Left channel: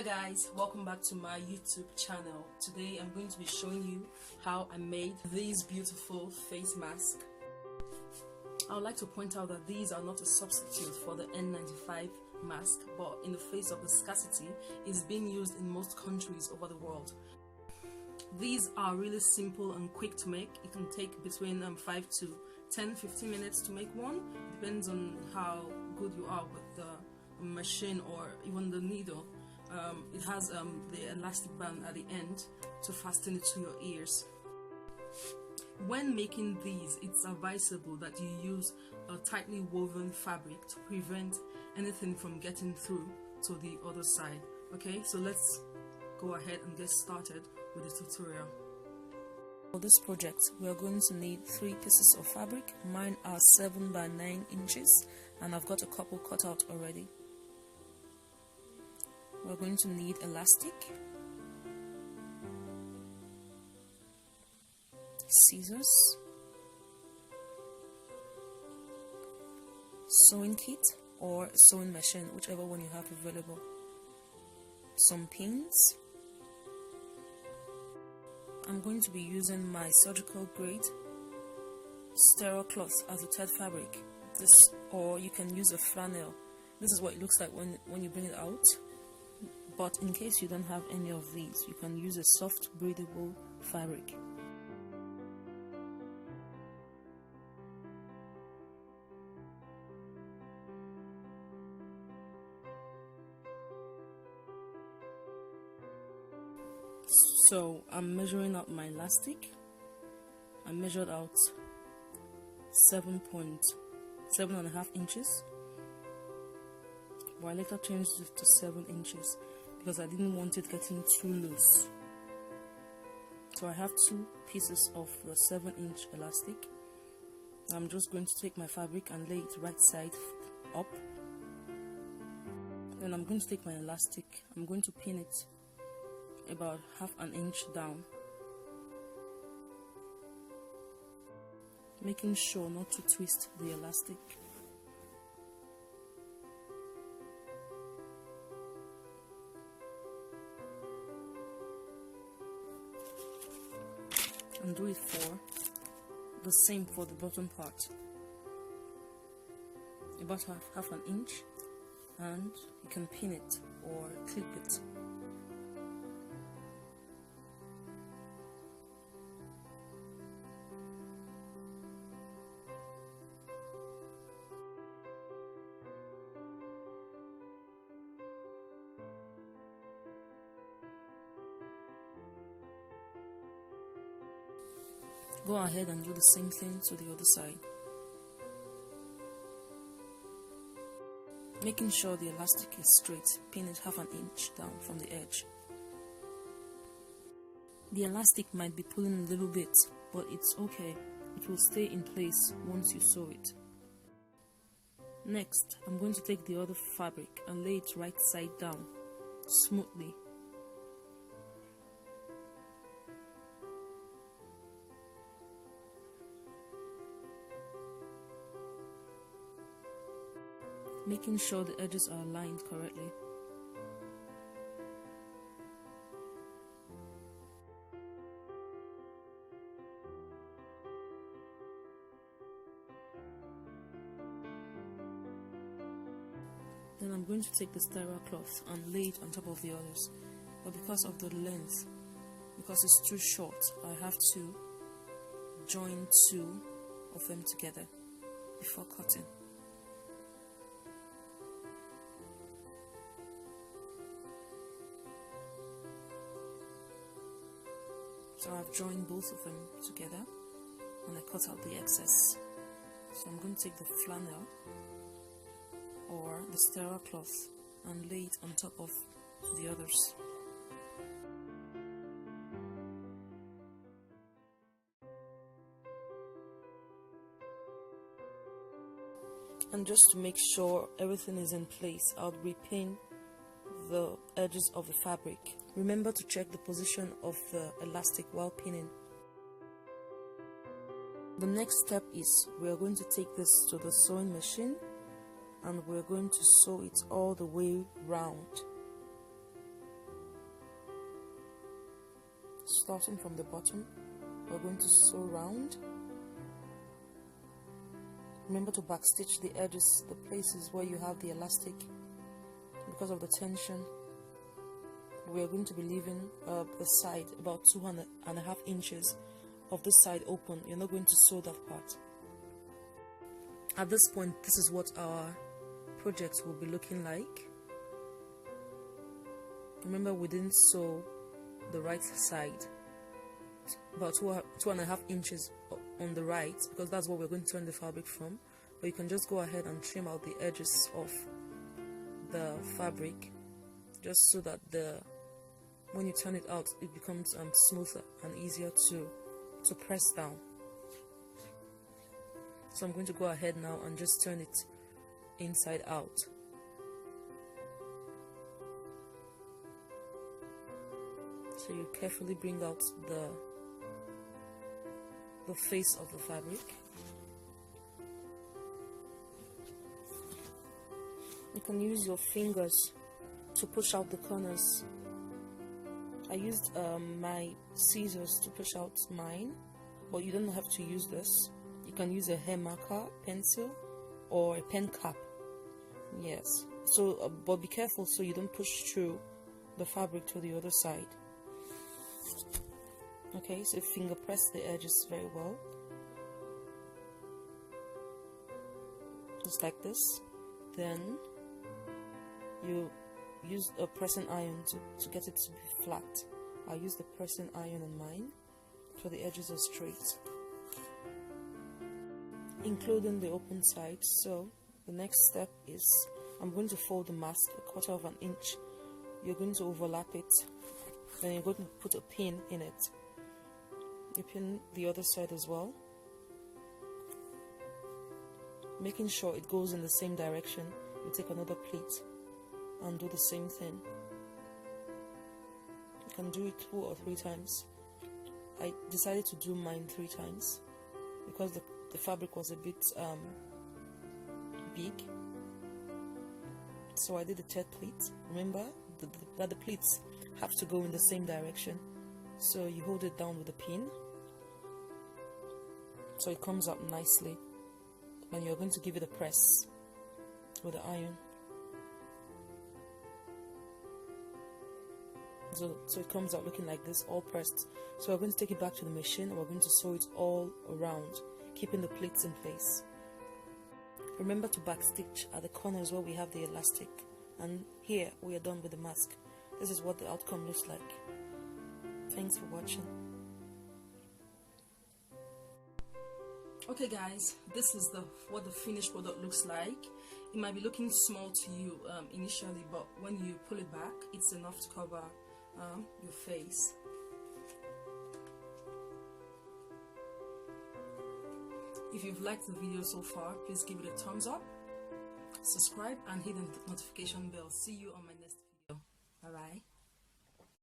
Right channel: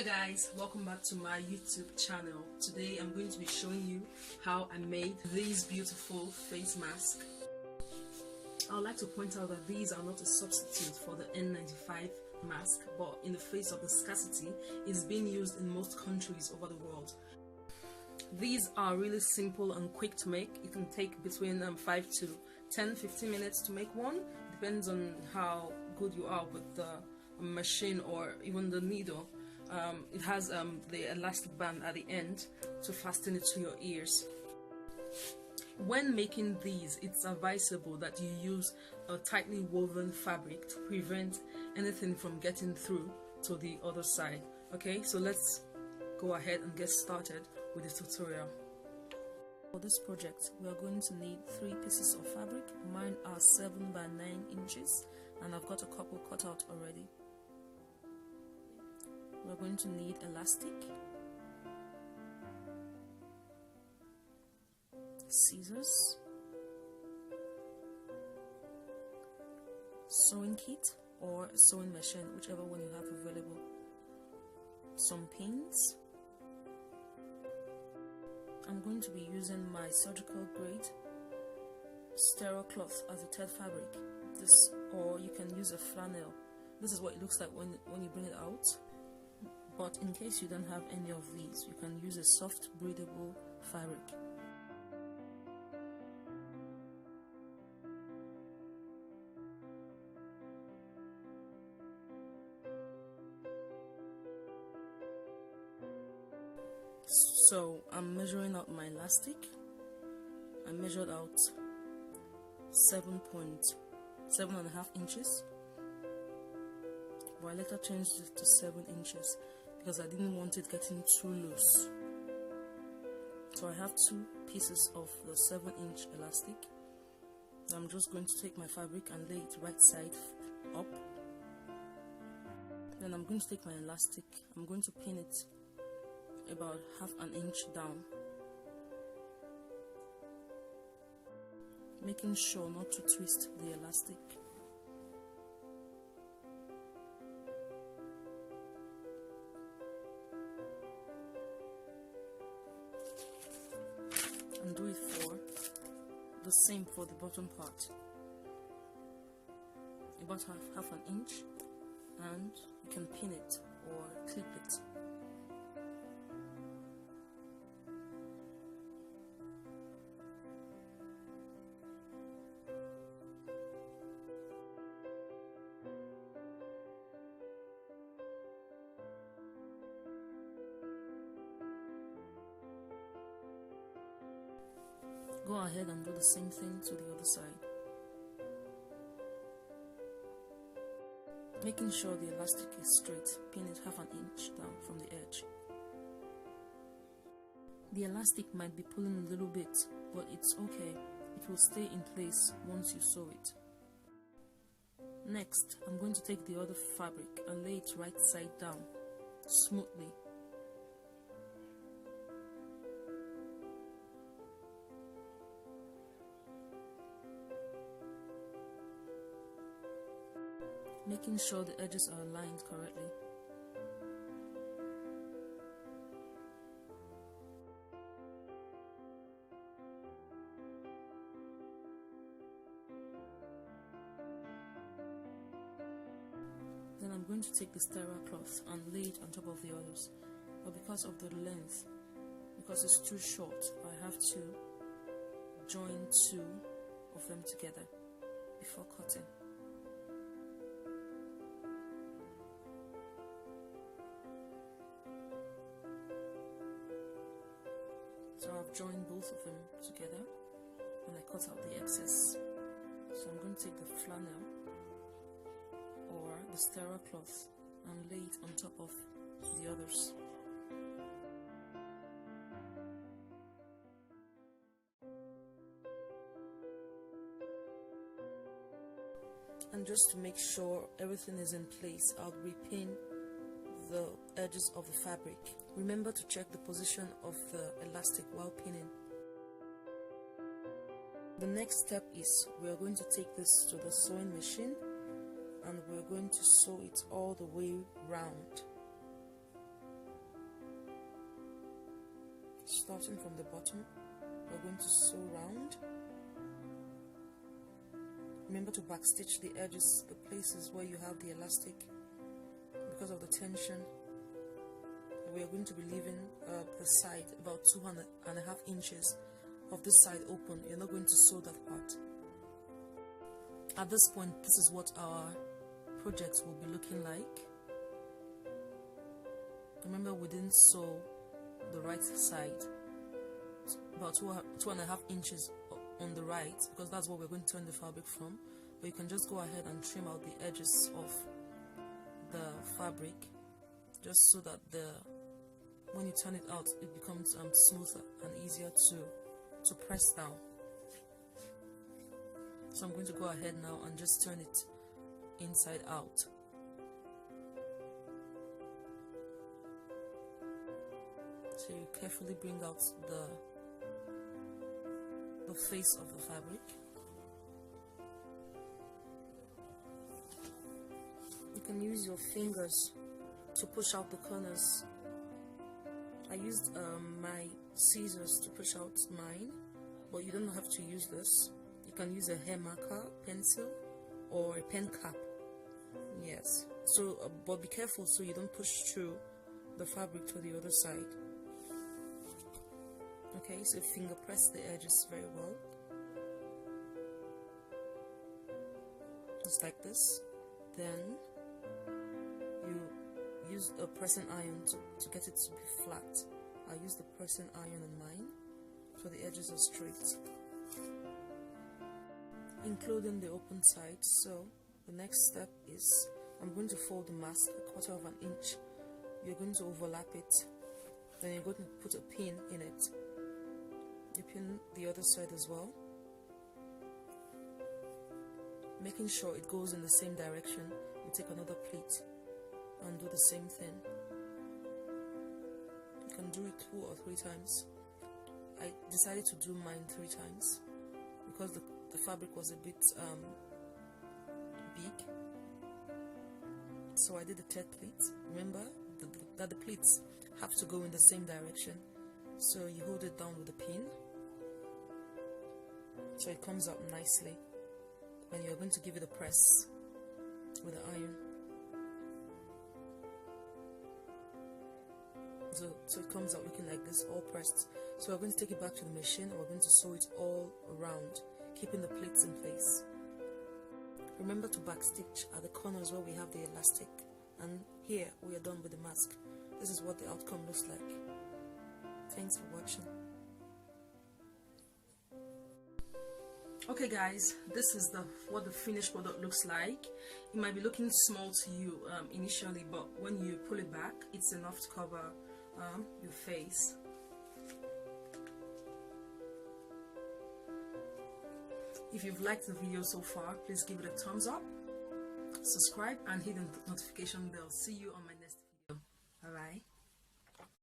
Hello guys, welcome back to my YouTube channel. Today I'm going to be showing you how I made these beautiful face masks. I would like to point out that these are not a substitute for the N95 mask, but in the face of the scarcity, it's being used in most countries over the world. These are really simple and quick to make. It can take between 5 to 10-15 minutes to make one. Depends on how good you are with the machine or even the needle. It has the elastic band at the end to fasten it to your ears. When making these, it's advisable that you use a tightly woven fabric to prevent anything from getting through to the other side. Okay, so let's go ahead and get started with the tutorial. For this project, we are going to need 3 pieces of fabric. Mine are 7 by 9 inches and I've got a couple cut out already. We're going to need elastic, scissors, sewing kit or sewing machine, whichever one you have available, some pins. I'm going to be using my surgical grade sterile cloth as a thread fabric. This, or you can use a flannel. This is what it looks like when you bring it out. But in case you don't have any of these, you can use a soft breathable fabric. So I'm measuring out my elastic. I measured out 7.5 inches, but I later changed it to 7 inches because I didn't want it getting too loose. So I have 2 pieces of the 7-inch elastic. I'm just going to take my fabric and lay it right side up. Then I'm going to take my elastic, I'm going to pin it about half an inch down, making sure not to twist the elastic. And do it for the same for the bottom part, about half an inch, and you can pin it or clip it. Go ahead and do the same thing to the other side, making sure the elastic is straight. Pin it half an inch down from the edge. The elastic might be pulling a little bit, but it's okay. It will stay in place once you sew it. Next, I'm going to take the other fabric and lay it right side down smoothly. Making sure the edges are aligned correctly. Then I'm going to take the sterile cloth and lay it on top of the others. But because of the length, because it's too short, I have to join 2 of them together before cutting. So I've joined both of them together and I cut out the excess. So I'm going to take the flannel or the sterile cloth and lay it on top of the others. And just to make sure everything is in place, I'll repin the edges of the fabric. Remember to check the position of the elastic while pinning. The next step is we are going to take this to the sewing machine and we're going to sew it all the way round. starting from the bottom, we're going to sew round. Remember to backstitch the edges, the places where you have the elastic, because of the tension. We are going to be leaving the side about 2.5 inches of this side open. You're not going to sew that part. At this point, this is what our project will be looking like. Remember, we didn't sew the right side, about 2.5 inches on the right, because that's what we're going to turn the fabric from. But you can just go ahead and trim out the edges of the fabric, just so that when you turn it out, it becomes smoother and easier to press down. So I'm going to go ahead now and just turn it inside out. So you carefully bring out the face of the fabric. You can use your fingers to push out the corners. I used my scissors to push out mine, but you don't have to use this. You can use a hair marker, pencil, or a pen cap. Yes. So, but be careful so you don't push through the fabric to the other side. Okay, so finger press the edges very well, just like this. Then you use a pressing iron to get it to be flat. I use the pressing iron on mine so the edges are straight, including the open side. So the next step is I'm going to fold the mask 1/4 inch. You're going to overlap it, then you're going to put a pin in it. You pin the other side as well, making sure it goes in the same direction. You take another pleat and do the same thing. You can do it 2 or 3 times. I decided to do mine 3 times because the fabric was a bit big, so I did the 3rd pleat. Remember that the pleats have to go in the same direction, so you hold it down with a pin so it comes out nicely, and you're going to give it a press with the iron. So it comes out looking like this, all pressed. So we're going to take it back to the machine and we're going to sew it all around, keeping the pleats in place. Remember to backstitch at the corners where we have the elastic, and here we are done with the mask. This is what the outcome looks like. Thanks for watching. Okay guys, this is what the finished product looks like. It might be looking small to you initially, but when you pull it back, it's enough to cover your face. If you've liked the video so far, please give it a thumbs up, subscribe, and hit the notification bell. See you on my